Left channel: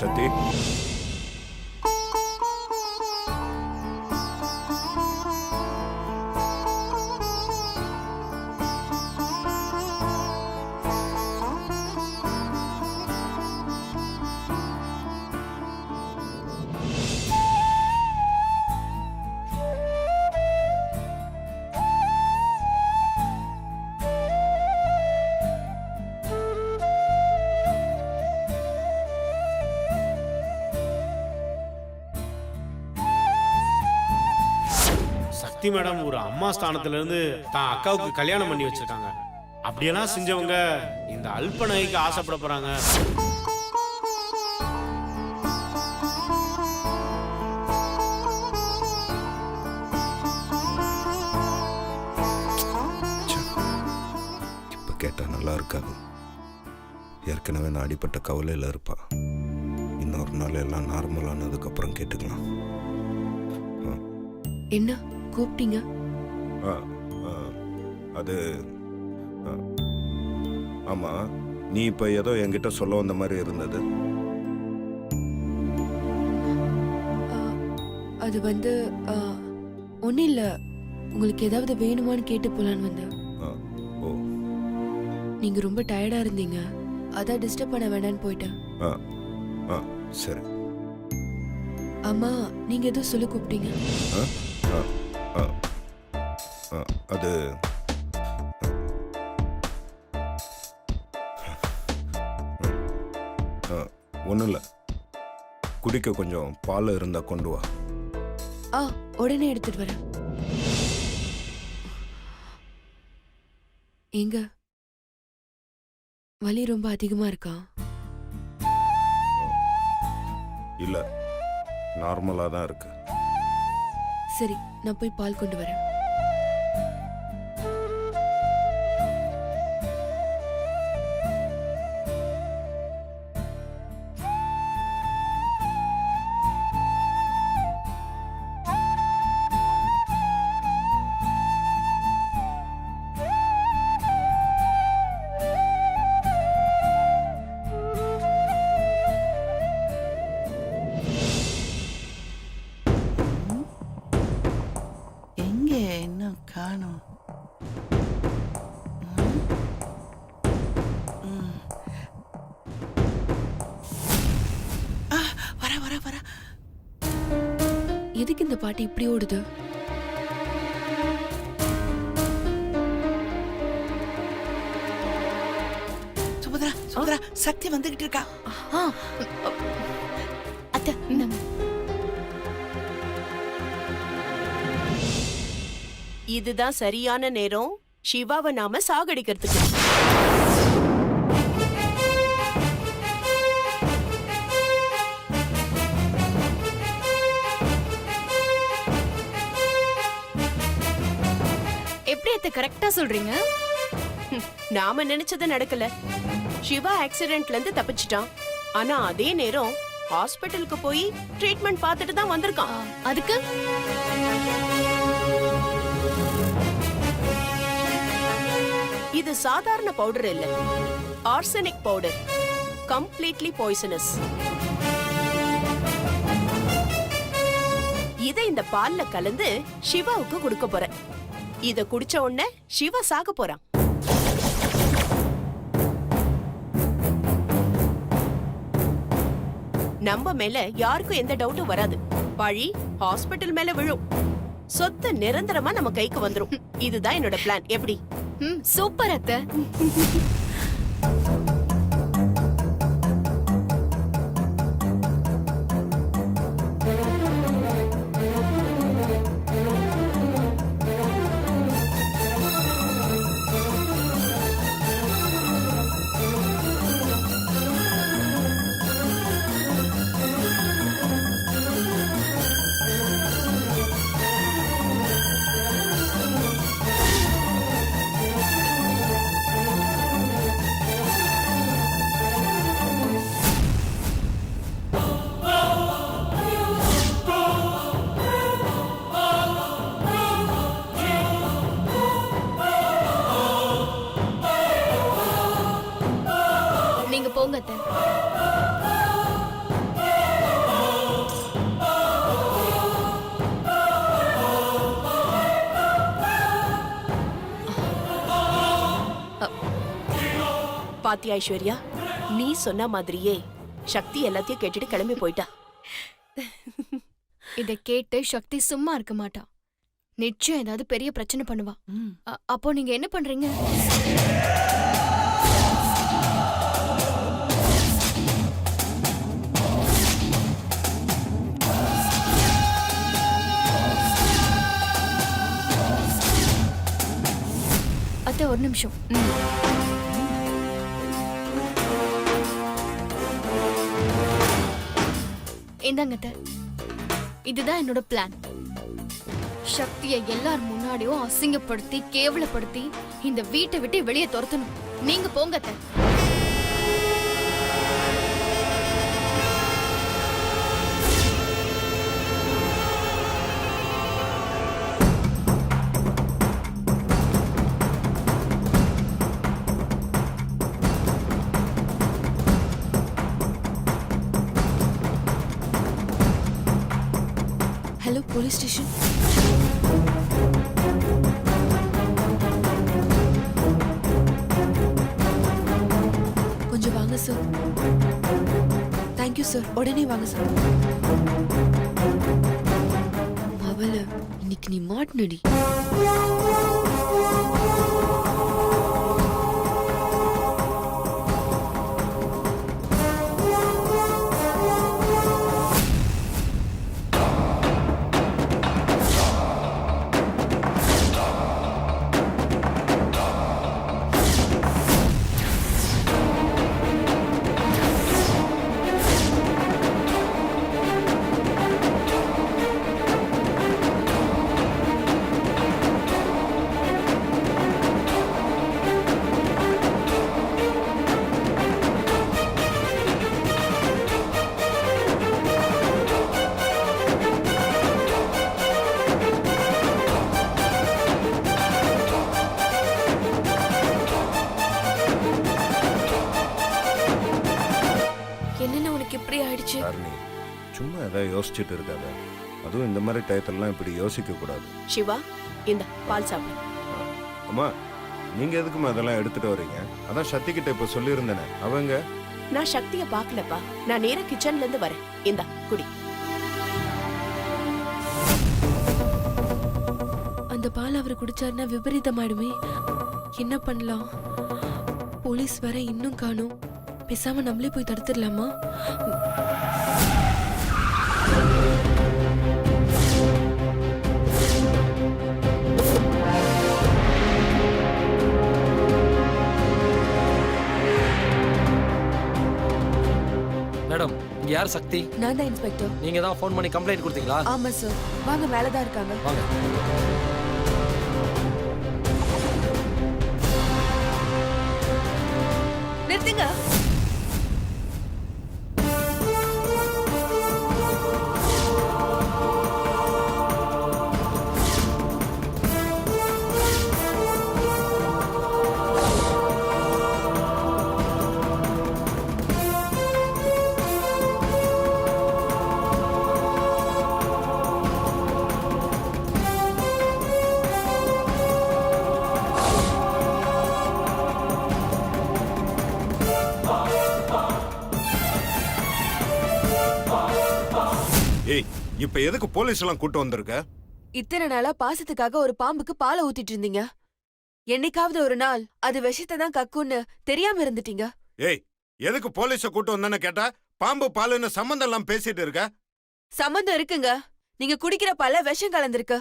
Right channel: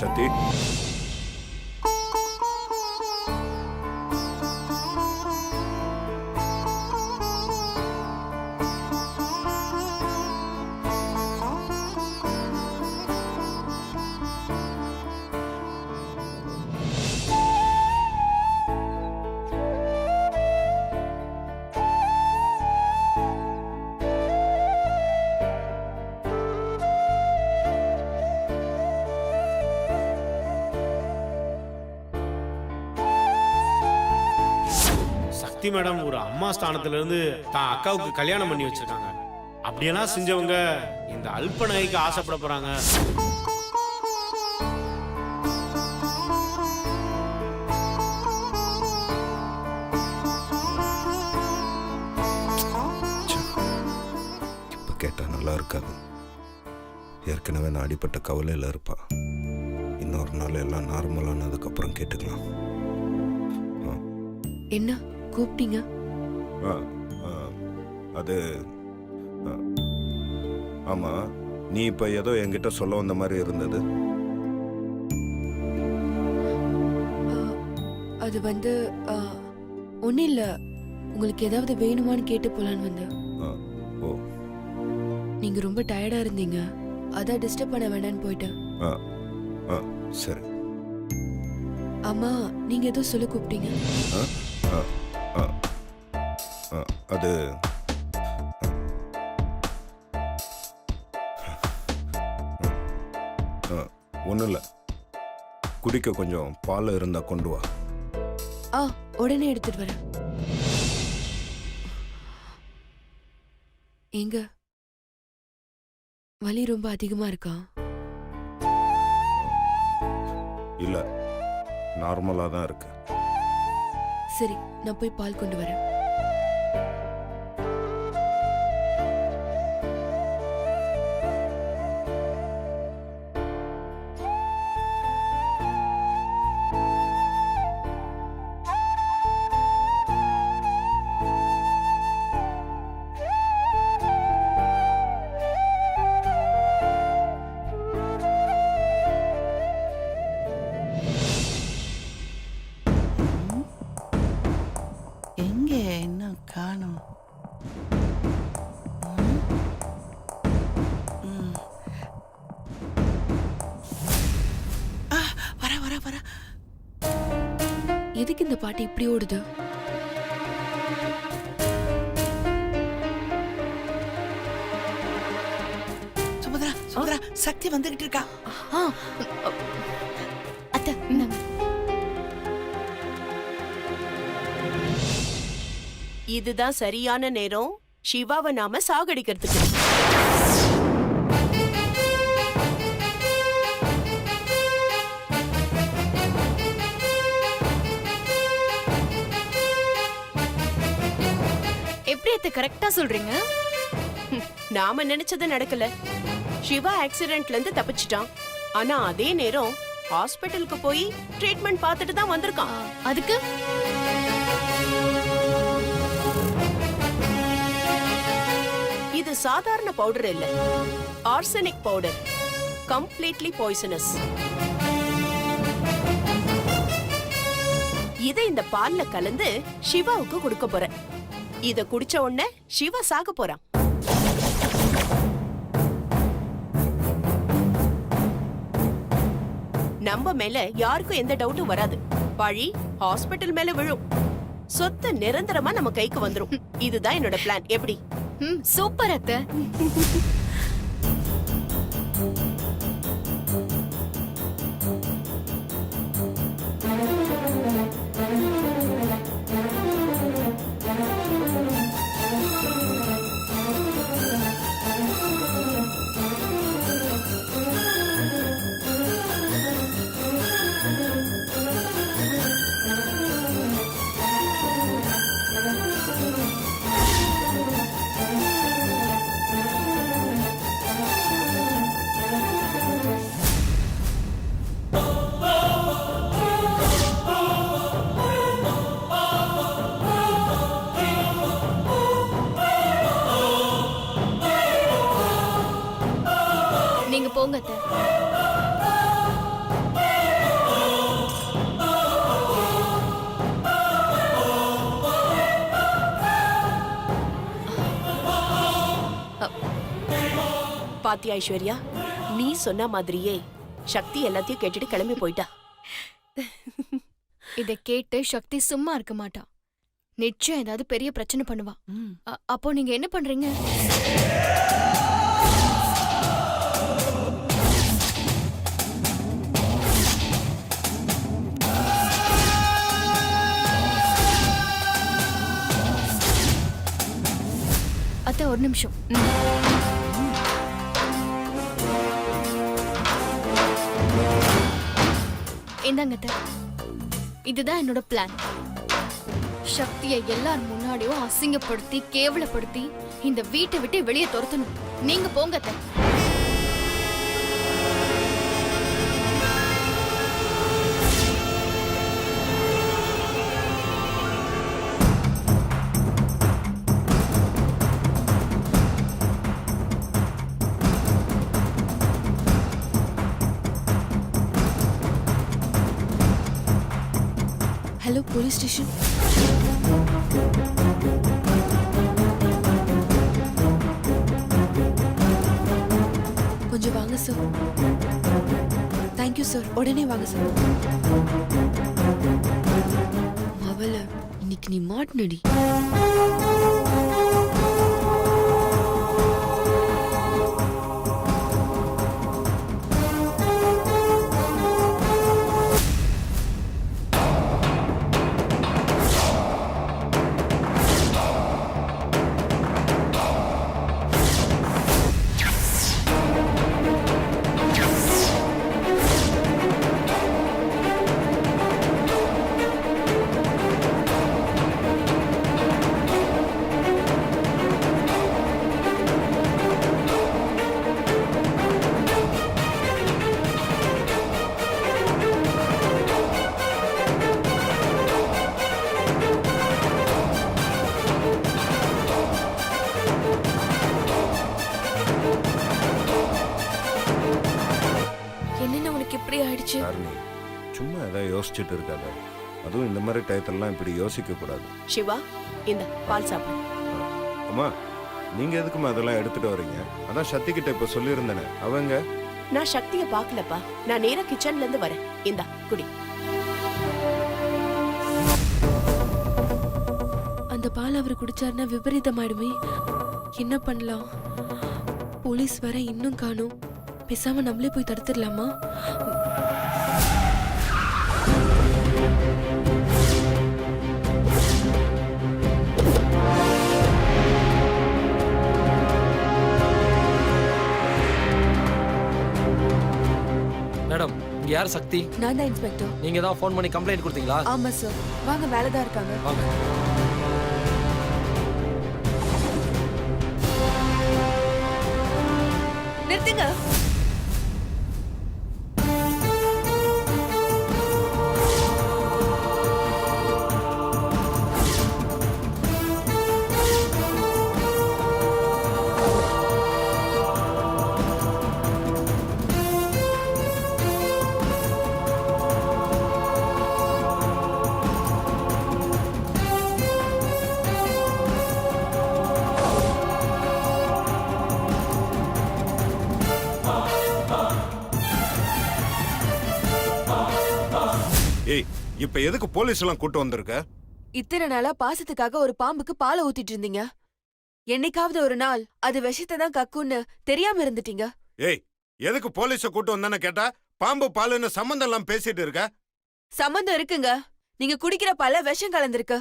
சக்தி, சக்தி madam ஒரு அம்மா ஸ்தானத்துல இருந்து தான் அக்காவுக்கு கல்யாணம் பண்ணி வச்சிருக்காங்க. அப்படியெல்லாம் செஞ்சவங்க இந்த அல்ப நகைக்கு ஆசைப்பட போறாங்க. இப்ப கேட்டா நல்லா இருக்காது. ஏற்கனவே நான் அடிப்பட்ட கவலையில் இருப்பா. இன்னொரு நாள் எல்லாம் நார்மலானதுக்கு அப்புறம் கேட்டுக்கலாம். என்ன கூப்பிட்டீங்க? அது ஆமா, நீ இப்ப ஏதோ என்கிட்ட சொல்ல வந்த மாதிரி இருந்தது. அது வந்து ஒன்றும் இல்லை, உங்களுக்கு ஏதாவது வேணுமான்னு கேட்டு போலான்னு வந்தேன். ஓ, நீங்க ரொம்ப டயர்டா இருந்தீங்க, அதான் டிஸ்டர்ப் பண்ண வேண்டான்னு போயிட்டேன். சரி. அம்மா, நீங்க ஏதோ சொல்ல கூப்பிட்டீங்க. அது ஒன்றும் இல்லை, குடிக்க கொஞ்சம் பால் இருந்தா கொண்டு வா. உடனே எடுத்துட்டு வரேன். எங்க வலி ரொம்ப அதிகமா இருக்கா? இல்லை, நார்மலாக தான் இருக்கு. சரி, நான் போய் பால் கொண்டு வரேன். காணோம். வர வர வர. எதுக்கு இந்த பாட்டு இப்படி ஓடுது? சுபத்ரா, சுபத்ரா, சக்தி வந்துகிட்டு இருக்கா. அத்தை, இதுதான் சரியான நேரம் சிவாவை நாம சாகடிக்கிறதுக்கு. எப்படி அத்தை கரெக்டா சொல்றீங்க? நாம நினைச்சது நடக்கல. சிவா ஆக்சிடென்ட்ல இருந்து தப்பிச்சிட்டான். ஆனா அதே நேரம் ஹாஸ்பிட்டலுக்கு போய் ட்ரீட்மெண்ட் பார்த்துட்டு தான் வந்திருக்கான். அதுக்கு இது சாதாரண பவுடர் இல்ல, ஆர்சனிக் பவுடர். Completely poisonous. இதை இந்த பால்ல கலந்து சிவாவுக்கு கொடுக்க போறேன். இத குடிச்ச உடனே சிவா சாக போறான். நம்ம மேல யாருக்கும் எந்த டவுட்டும் வராது. பழி ஹாஸ்பிட்டல் மேல விழும். சொத்து நிரந்தரமா நம்ம கைக்கு வந்துரும். இதுதான் என்னோட பிளான். எப்படி? சூப்பர் அத்தை. நீங்க போங்க அத்தை. பாத்தியா ஐஸ்வர்யா, நீ சொன்ன மாதிரியே சக்தி எல்லாத்தையும் கேட்டுட்டு கிளம்பி போயிட்டா. இத கேட்டு சக்தி சும்மா இருக்க மாட்டா. நிச்சயம் ஏதாவது பெரிய பிரச்சனை பண்ணுவா. அப்போ நீங்க என்ன பண்றீங்க? அத்தை ஒரு நிமிஷம். இந்தாங்க அத்தை. இதுதான் என்னோட பிளான். சக்தியை எல்லார் முன்னாடியும் அசிங்கப்படுத்தி கேவலப்படுத்தி இந்த வீட்டை விட்டு வெளியே துரத்தணும். நீங்க போங்க அத்தை. Hello police station. கொஞ்சம் வாங்க சார். Thank you sir. உடனே வாங்க சார். மவள இன்னைக்கு நீ மாட்டினடி. என்னென்ன உனக்கு இப்படி ஆயிடுச்சு? தாரணி, சும்மா ஏதாவது யோசிச்சுட்டு இருக்காத. அதுவும் இந்த மாதிரி டயத்திலலாம் இப்படி யோசிக்க கூடாது. சிவா, இந்த பால் சாப்பிடு. அம்மா, நீங்க எதுக்குமா அதெல்லாம் எடுத்துட்டு வரீங்க? அதான் சக்தி கிட்ட இப்ப சொல்லியிருந்தேனே, அவங்க. நான் சக்திய பாக்கலப்பா. நான் நேரா கிச்சன்ல இருந்து வரேன். இந்தா குடி. அந்த பால் அவர் குடிச்சாருன்னா விபரீதமாயிடுமே. என்ன பண்ணலாம்? போலீஸ் வர இன்னும் காணோம். பேசாம நம்மளே போய் தடுத்துடலாமா? மேடம், இங்க யார் சக்தி? நான் தான் இன்ஸ்பெக்டர். நீங்க தான் ஃபோன் பண்ணி கம்ப்ளைண்ட் கொடுத்தீங்களா? ஆமா சார். வாங்க, மேல தான் இருக்காங்க. வாங்க. நிறுத்துங்க. ஏய் இப்ப எதுக்கு போலீஸ் எல்லாம் கூட்டு வந்திருக்க? இத்தனை நாளா பாசத்துக்காக ஒரு பாம்புக்கு பாலை ஊத்திட்டு இருந்தீங்க. என்னைக்காவது ஒரு நாள் அது விஷத்தை தான் கக்குன்னு தெரியாம இருந்துட்டீங்க. ஏய் எதுக்கு போலீஸ கூட்டு வந்தேன்னு கேட்டா பாம்பு பாலுன்னு சம்பந்தம் எல்லாம் பேசிட்டு இருக்க? சம்பந்தம் இருக்குங்க. நீங்க குடிக்கிற பால்ல விஷம் கலந்திருக்கு.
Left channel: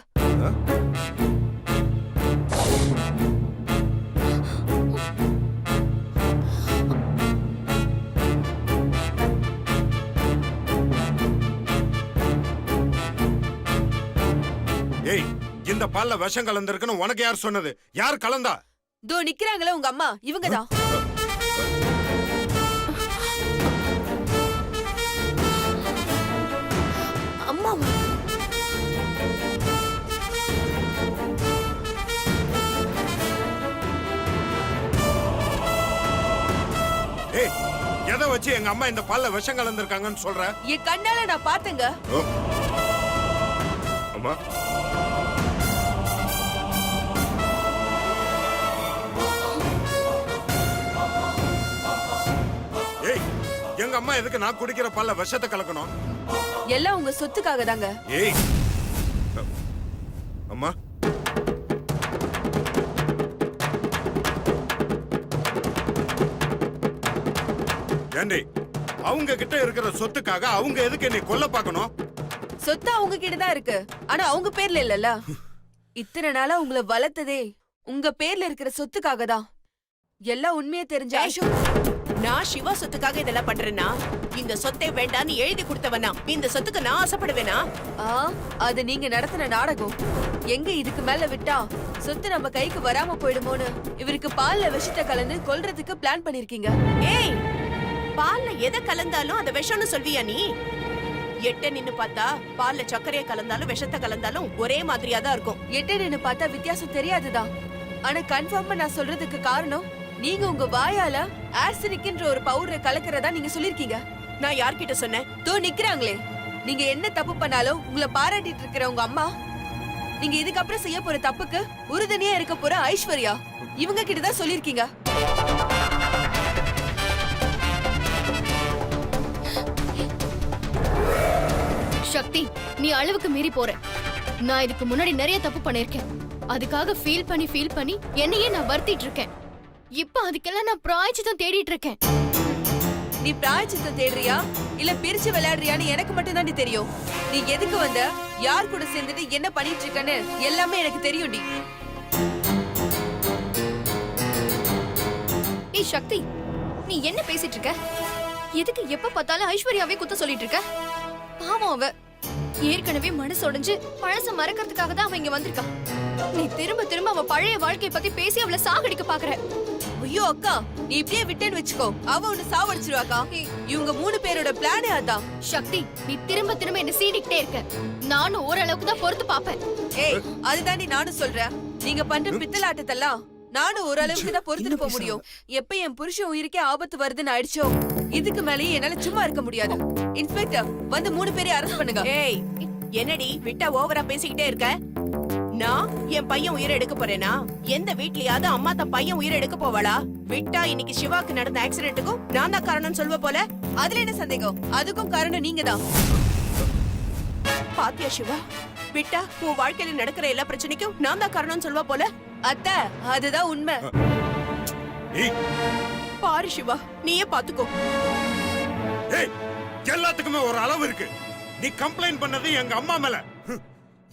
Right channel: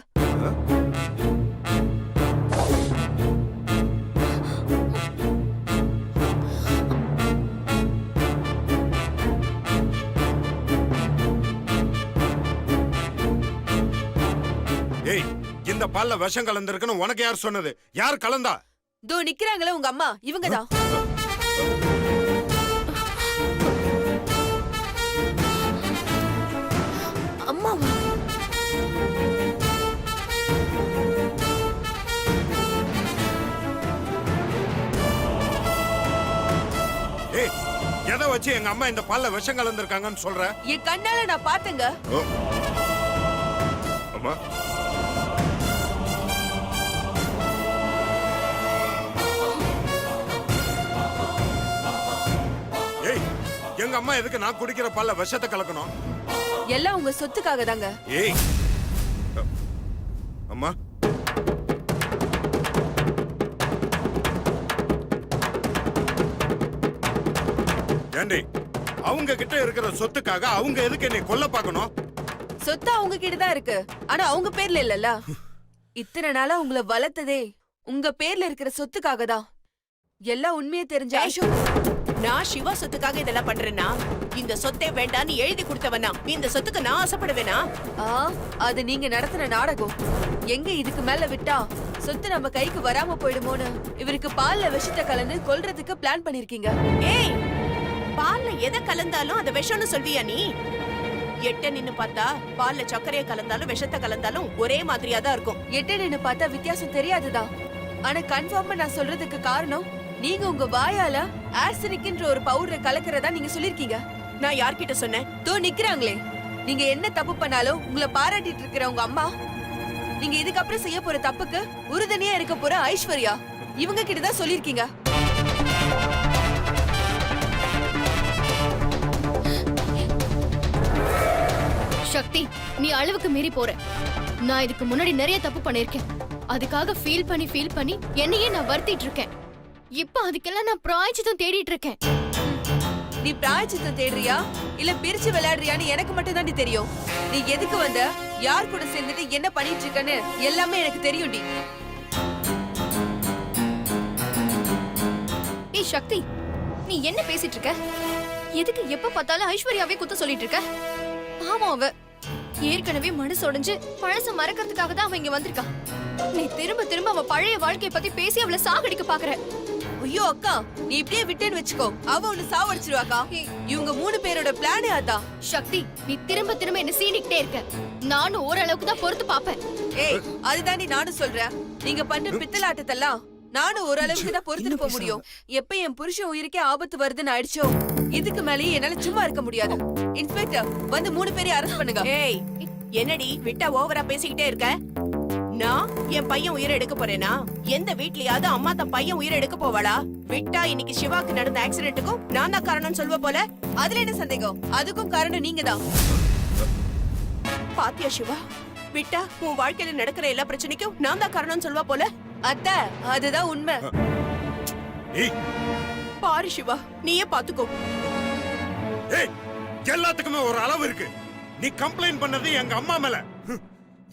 ஏய் இந்த பால்ல விஷம் கலந்திருக்குன்னு உனக்கு யார் சொன்னது? யார் கலந்தா? தோ நிக்கிறாங்களே உங்க அம்மா, இவங்கதான். அம்மாவா? ஏய் எதை வச்சு எங்க அம்மா இந்த பால்ல விஷம் கலந்திருக்காங்கன்னு சொல்ற? என் கண்ணால நான் பார்த்தேங்க. அம்மா ஏய் எங்க அம்மா எதுக்கு நான் குடிக்கிற பால்ல விஷத்தை கலக்கணும்? எல்லாம் உங்க சொத்துக்காக தாங்க. ஏய் அம்மா ஏண்டி அவங்க கிட்ட இருக்கிற சொத்துக்காக அவங்க எதுக்கு என்னை கொல்ல பார்க்கணும்? சொத்து அவங்க கிட்ட தான் இருக்கு, ஆனா அவங்க பேர்ல இல்லல்ல. இத்தனை நாளா உங்களை வளர்த்ததே உங்க பேர்ல இருக்கிற சொத்துக்காக தான். எல்லாம் உண்மையை தெரிஞ்ச ஐஷு, நான் சிவா சொத்துக்காக இதெல்லாம் பண்றேன்னா இந்த சொத்தே வேண்டான்னு எழுதி கொடுத்தவனா இந்த சொத்துக்கு நான் ஆசைப்படுவேனா? அது நீங்க நடத்தின நாடகம். எங்க இதுக்கு மேல விட்டா சொத்து நம்ம கைக்கு வராம போயிடுமோன்னு இவருக்கு பால்ல விஷத்தை கலந்து கொல்றதுக்கு பிளான் பண்ணிருக்கீங்க. ஏய், பால்ல எதை கலந்தாலும் அத விஷம்னு சொல்வியா நீ? எட்ட நின்னு பார்த்தா பால்ல சர்க்கரையை கலந்தாலும் விஷத்தை கலந்தாலும் ஒரே மாதிரியா தான் இருக்கும். எட்ட நின்னு பார்த்தா வித்தியாசம் தெரியாதுதான். ஆனா கன்ஃபார்மா நான் சொல்றதுக்கு காரணம் நீங்க உங்க வாயால ஆர்சனிக்ன்ற ஒரு பவுடரை கலக்கிறதா நீங்க சொல்லிருக்கீங்க. நான் யார்கிட்ட சொன்னேன்? தோ நிக்கிறாங்களே, நீங்க என்ன தப்பு பண்ணாலும் உங்களை பாராட்டிட்டு இருக்கிற உங்க அம்மா, நீங்க இதுக்கப்புறம் செய்ய போற தப்புக்கு உறுதுணையா இருக்க போற ஐஸ்வர்யா, இவங்க கிட்ட தான் சொல்லிருக்கீங்க. சக்தி, நீ அளவுக்கு மீறி போற. நான் இதுக்கு முன்னாடி நிறைய தப்பு பண்ணிருக்கேன். அதுக்காக ஃபீல் பண்ணி என்னையே நான் வருத்திட்டு இருக்கேன். இப்ப அதுக்கெல்லாம் நான் பிராயச்சித்தம் தேடிட்டு இருக்கேன். நீ பிராயச்சித்தம் தேடுறியா இல்ல பிரிச்சு விளையாடுறியான்னு எனக்கு மட்டும் தான் தெரியும். நீ எதுக்கு வந்த, யார் கூட சேர்ந்துட்டு என்ன பண்ணிட்டு இருக்கன்னு எல்லாமே எனக்கு தெரியும்டி. ஏய் சக்தி, நீ என்ன பேசிட்டு இருக்க? எதுக்கு எப்ப பார்த்தாலும் ஐஸ்வர்யாவே குத்த சொல்லிட்டு இருக்க? பாவம் அவ ஏற்கனவே மனசு உடைஞ்சு பழச மறக்கிறதுக்காக தான் அவ இங்க வந்திருக்கா. நீ திரும்ப திரும்ப அவ பழைய வாழ்க்கைய பத்தி பேசி அவளை சாகடிக்க பாக்குற. ஐயோ அக்கா, நீ இப்படியே விட்டேன்னு வச்சுக்கோ, அவ ஒன்னு சாவடிச்சிருவாக்கா. இவங்க 3 பேரோட பிளானே அதான். சக்தி, நீ திரும்ப திரும்ப என்ன சீனிக்கிட்டே இருக்க. நானும் ஓரளவுக்கு தான் பொறுத்து பாப்பேன். ஏய், அதுதாண்டி நானும் சொல்றேன். நீங்க பண்ற பித்தலாட்டத்தெல்லாம் நானும் ஓரளவுக்கு தான் பொறுத்துட்டு போக முடியும். எப்ப என் புருஷன் உயிருக்கே ஆபத்து வருதுன்னு ஆயிடுச்சோ, இதுக்கு மேலேயே என்னால சும்மா இருக்க முடியாது. இன்ஸ்பெக்டர் வந்து 3 பேரையும் அரெஸ்ட் பண்ணுங்க. ஏய், என்னடி விட்டா ஓவரா பேசிக்கிட்டே இருக்க? நான் என் பையன் உயிரை எடுக்க போறேனா? எந்த வீட்லயாவது அம்மா தன் பையன் உயிரை எடுக்க போவாளா? விட்டா இன்னைக்கு சிவாக்கு நடந்த ஆக்சிடென்ட்டுக்கும் நான் தான் காரணம்னு சொல்வ போல. அதுல என்ன சந்தேகம்? அதுக்கும் காரணம் நீங்க தான். பாத்தியா சிவா, விட்டா உன் வாழ்க்கையில நடக்கிற எல்லா பிரச்சனைக்கும் நான் தான் காரணம்னு சொல்வா போல. அத்தை, அதுதான் உண்மை. ஏய் பாரு சிவா, நீயே பாத்துக்கோ. ஏய் எல்லாத்துக்குமே ஒரு அளவு இருக்கு. நீ கம்ப்ளைண்ட் பண்ணது எங்க அம்மா மேல.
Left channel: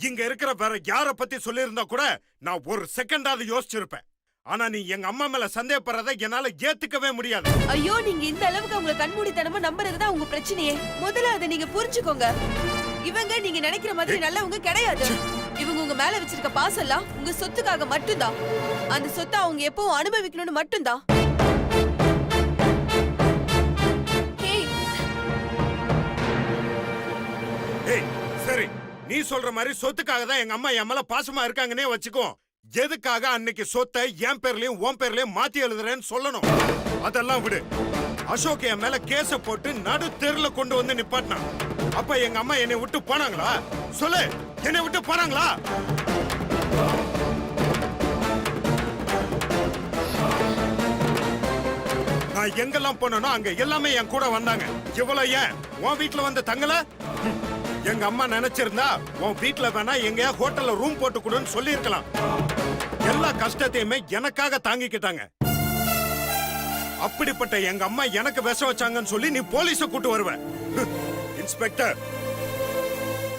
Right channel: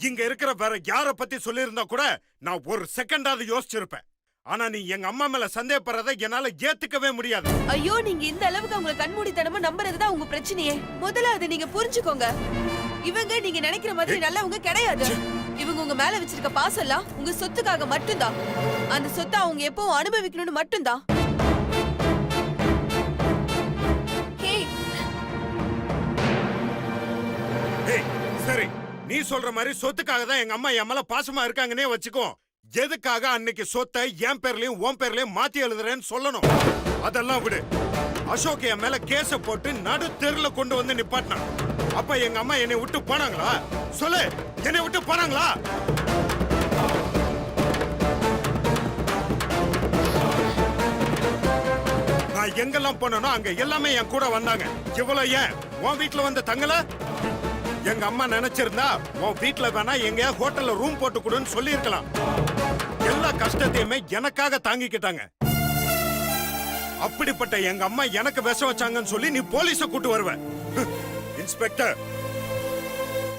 இங்க இருக்கிற வேற யார பத்தி சொல்லியிருந்தா கூட நான் ஒரு செகண்டாவது யோசிச்சிருப்பேன். ஆனா நீ எங்க அம்மா மேல சந்தேகப்படுறத என்னால ஏத்துக்கவே முடியாது. ஐயோ, நீங்க இந்த அளவுக்கு உங்களை கண்மூடித்தனமா நம்புறதுதான் உங்க பிரச்சனையே. முதல்ல அதை நீங்க புரிஞ்சுக்கோங்க. இவங்க நீங்க நினைக்கிற மாதிரி நல்லவங்க கிடையாது. இவங்க உங்க மேல வச்சிருக்க பாசெல்லாம் உங்க சொத்துக்காக மட்டும்தான். அந்த சொத்தை அவங்க எப்பவும் அனுபவிக்கணும்னு மட்டும்தான். ஏய் சரி, நீ சொல்ற மாதிரி சொத்துக்காக தான் எங்க அம்மா என் மேல பாசமா இருக்காங்கன்னே வச்சுக்கோ. எதுக்காக அன்னைக்கு சொத்தை என் பேர்லயும் உன் பேர்லயும் மாத்தி எழுதுறேன்னு சொல்லணும். அதெல்லாம் விடு. அசோக் என் மேல கேஸ போட்டு நடு தெருல கொண்டு வந்து நிப்பாட்டினான். அப்ப எங்க அம்மா என்னை விட்டு போனாங்களா? சொல்லு, என்னை விட்டு போனாங்களா? நான் எங்கெல்லாம் போனோ அங்க எல்லாமே என் கூட வந்தாங்க. இவ்வளவு ஏன் உன் வீட்டுல வந்து தங்கல? எங்க அம்மா நினைச்சிருந்தா உன் வீட்ல வேணா எங்கயா ஹோட்டல்ல ரூம் போட்டு கொடுன்னு சொல்லி இருக்கலாம். எல்லா கஷ்டத்தையுமே எனக்காக தாங்கிக்கிட்டாங்க. அப்படிப்பட்ட எங்க அம்மா எனக்கு விஷம் வச்சாங்கன்னு சொல்லி நீ போலீஸ கூட்டு வருவ. இன்ஸ்பெக்டர்.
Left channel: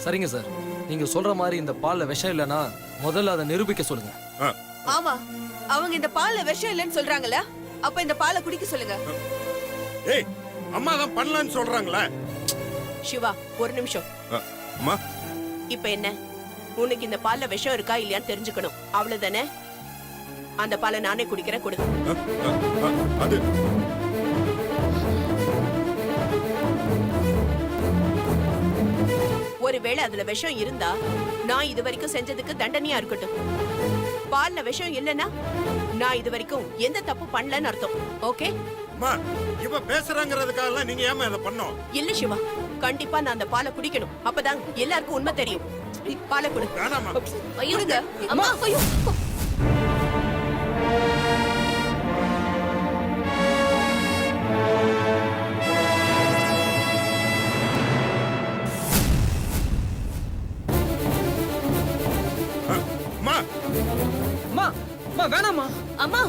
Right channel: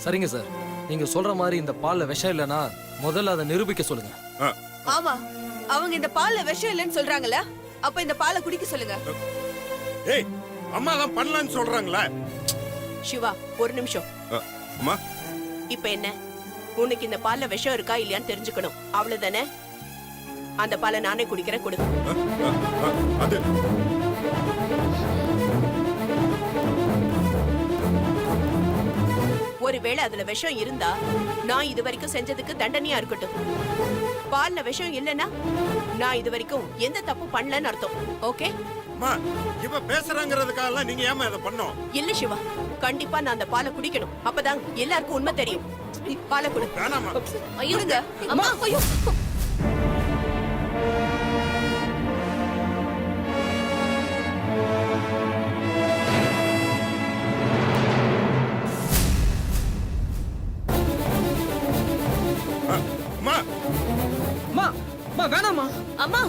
சரிங்க சார், நீங்க சொல்ற மாதிரி இந்த பால்ல விஷம் இல்லைன்னா முதல்ல அதை நிரூபிக்க சொல்லுங்க. ஆமா, அவங்க இந்த பால்ல விஷம் இல்லைன்னு சொல்றாங்கல்ல, அப்ப இந்த பாலை குடிக்க சொல்லுங்க. ஏய், அம்மா தான் பண்ணலன்னு சொல்றாங்களா? சிவா ஒரு நிமிஷம். அம்மா, இப்ப என்ன, உனக்கு இந்த பால்ல விஷம் இருக்கா இல்லையான்னு தெரிஞ்சுக்கணும், அவ்வளவுதானே? அந்த பாலை நானே குடிக்கிறேன், கொடு. அது ஒருவேளை அதுல விஷம் இருந்தா நான் இது வரைக்கும் செஞ்சதுக்கு தண்டனையா இருக்கட்டும். பால்ல விஷம் இல்லைன்னா நான் இது வரைக்கும் எந்த தப்பு பண்ணலன்னு அர்த்தம். ஓகே? அம்மா, இவ பேசுறாங்கிறதுக்காக நீங்க ஏமா இதை பண்ணோம்? இல்ல சிவா, கண்டிப்பா நான் அந்த பாலை குடிக்கணும், அப்பதான் எல்லாருக்கும் உண்மை தெரியும். பாலை கொடு. வேணாமா? ஐயோங்க, அம்மா, ஐயோ. அம்மா, அம்மா அம்மா வேணாம்மா. அம்மா,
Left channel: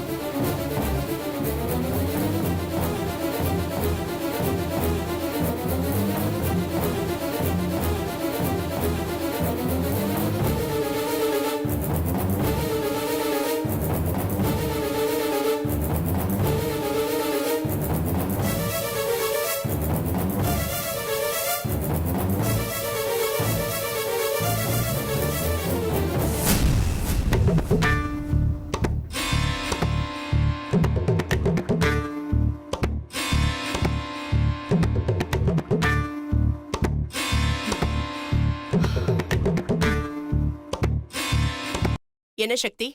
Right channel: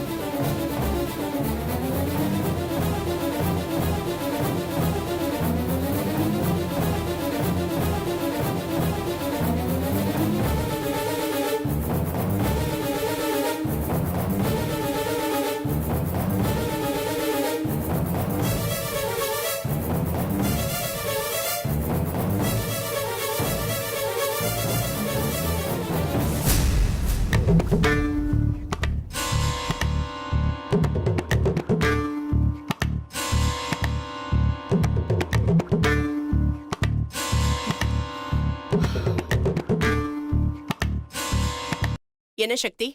என்ன சக்தி,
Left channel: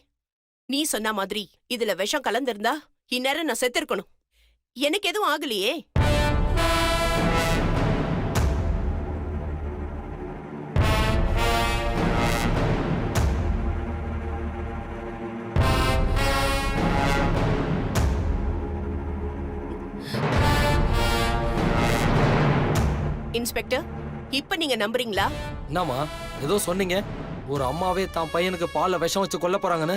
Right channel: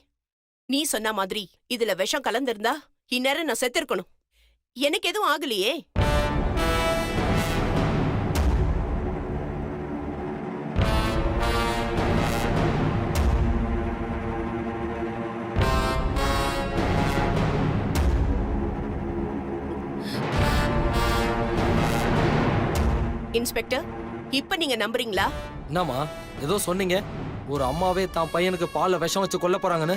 நீ சொன்ன மாதிரி இதுல விஷம் கலந்திருந்தா இந்நேரம் நான் செத்திருக்கணும். எனக்கு எதுவும் ஆகலையே. இன்ஸ்பெக்டர், இப்ப நீங்க நம்புறீங்களா? என்னம்மா ஏதோ சொன்னீங்க, ஒரு அம்மாவே தான் பையனுக்கு பால்ல விஷம் வச்சு கொல்ல போறாங்கன்னு?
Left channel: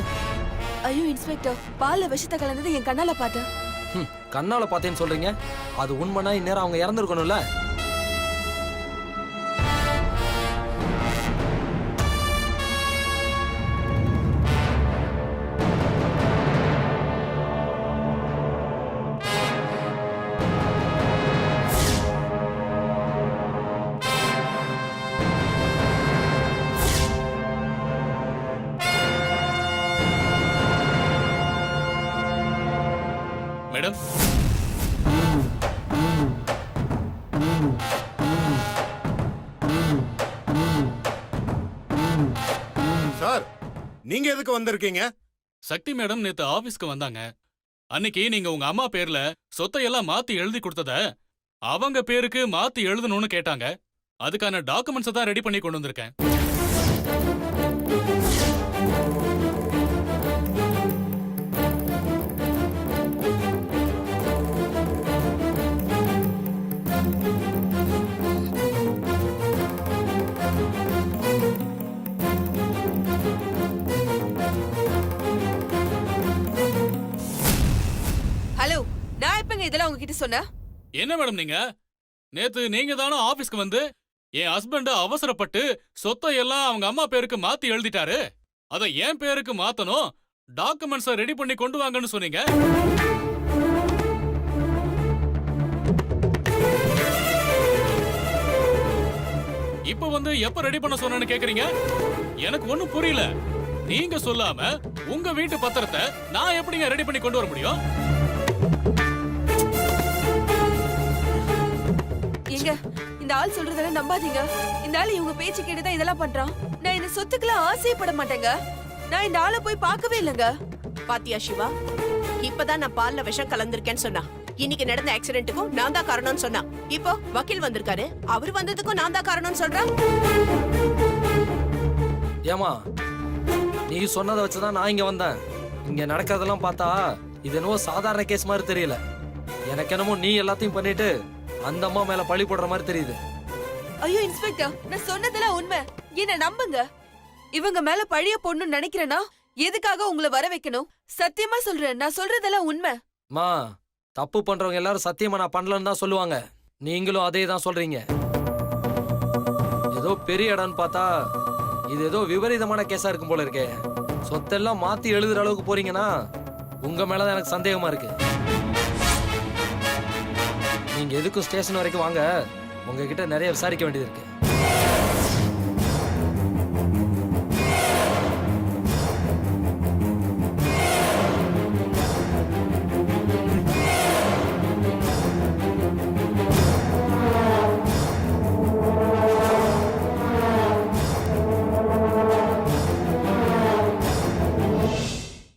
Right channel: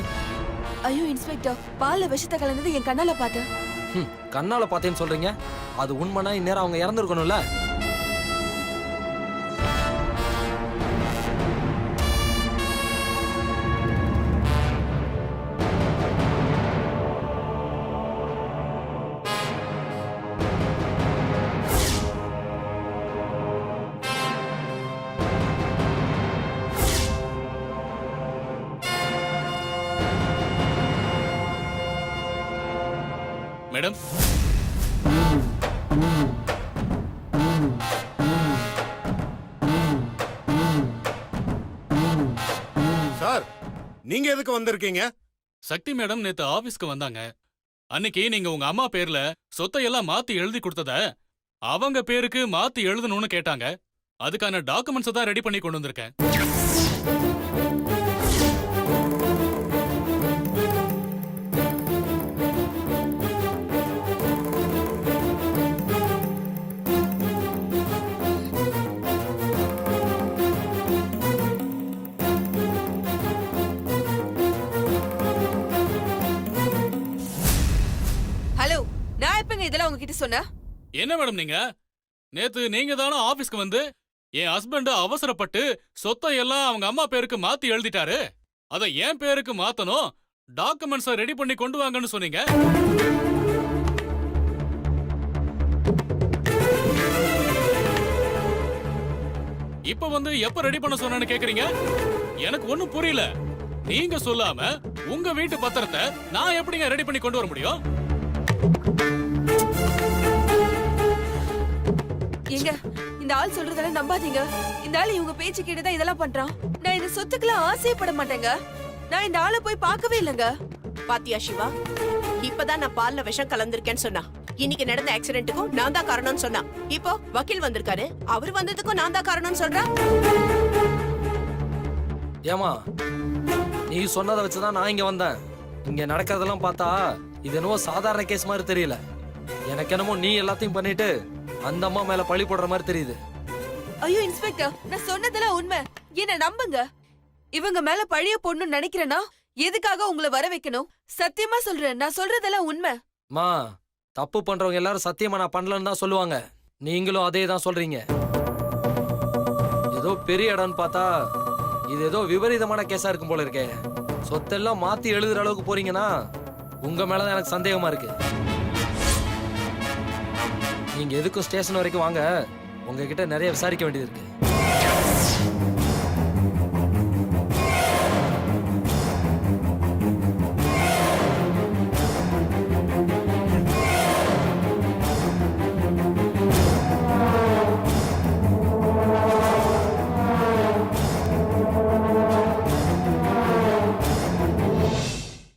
ஐயோ இன்ஸ்பெக்டர், பால்ல விஷத்தை கலந்தது என் கண்ணால பார்த்தேன். கண்ணால பார்த்தேன்னு சொல்றீங்க, அது உண்மைனா இந்நேரம் அவங்க இறந்துருக்கணும்ல. மேடம், சார், நீங்க எதுக்கு வந்திருக்கீங்க? சக்தி மேடம் நேத்து ஆபீஸ்க்கு வந்தாங்க. அன்னைக்கு நீங்க உங்க அம்மா பேர்ல சொத்தையெல்லாம் மாத்தி எழுதி கொடுத்தத அவங்க பேருக்கு மாத்தி எழுதணும்னு கேட்டாங்க. அதுக்கான டாக்குமெண்ட்ஸ் தான் ரெடி பண்ணி கொண்டு வந்திருக்கேன். ஹலோ, நான் எப்பங்க இதெல்லாம் உங்ககிட்ட சொன்னேன்? என்ன மேடம் நீங்க, நேத்து நீங்க தானே ஆபீஸ்க்கு வந்து என் ஹஸ்பண்ட் அவசரப்பட்டு சொத்தையெல்லாம் அவங்க அம்மா பேருக்கு மாத்தி எழுதிட்டாரு, அதை என் பேருக்கு மாத்தணும், டாக்குமெண்ட்ஸை ரெடி பண்ணி கொண்டு வாங்கன்னு சொன்னீங்க. இப்ப வந்து எப்ப ரெடி பண்ண சொன்னேன்னு கேக்குறீங்க? எனக்கு ஒண்ணும் புரியல. நீங்க சொல்லாம உங்க வீட்டு பத்திரத்தை நான் எப்படிங்க ரெடி பண்ணி கொண்டு வர முடியும்? எங்க இந்த ஆள் சொல்றதெல்லாம் நம்பாதீங்க. இந்த ஆள் இவங்க பேச்சு கேட்டுதான் இதெல்லாம் பண்றான். நான் இந்த சொத்துக்கெல்லாம் ஆசைப்பட மாட்டேங்க. நான் இந்த ஆளை போய் பார்க்கவே இல்லைங்க. பாத்தியா சிவா, இப்பதான் நான் பால்ல விஷம் கலந்திருக்கேன்னு சொன்னா. இன்னைக்கு நடந்த ஆக்சிடென்ட்டுக்கும் நான் தான் காரணம்னு சொன்னா. இப்போ வக்கீல் வந்திருக்காரு, அவர் வந்ததுக்கும் நான் தான் காரணம்னு சொல்றேன். ஏமா, நீ சொன்னதை வச்சுதான் நான் இங்க வந்தேன். இங்க நடக்கிறதெல்லாம் பார்த்தா இது என்னவோ சாதாரண கேஸ் மாதிரி தெரியல. எனக்கு என்னமோ நீ எல்லாத்தையும் பண்ணிட்டு அந்த அம்மா மேல பழி போடுற மாதிரி தெரியுது. ஐயோ இன்ஸ்பெக்டர், நான் சொன்னதெல்லாம் உண்மை. என்ன நம்புங்க. இவங்க மேல பழிய போடணும்னு நினைக்கிறேன்னா எதுக்காக உங்களை வர வைக்கணும்? சத்தியமா சொல்றேன், நான் சொல்றதெல்லாம் உண்மை. மா, தப்பு பண்றவங்க எல்லாரும் சத்தியமா நான் பண்ணலன்னு தான் சொல்லுவாங்க. நீங்களும் அதே தான் சொல்றீங்க. ஏதோ பெரிய இடம்னு பார்த்தா இது ஏதோ விபரீதமான கேஸா இருக்கும் போல இருக்கே. சொத்தெல்லாம் மாத்தி எழுதுற அளவுக்கு போறீங்கன்னா உங்க மேலதான் எனக்கு சந்தேகமா இருக்கு. நீங்க எதுக்கும் ஸ்டேஷன் வரைக்கும் வாங்க, உங்ககிட்ட நிறைய விசாரிக்க வேண்டியது இருக்கு.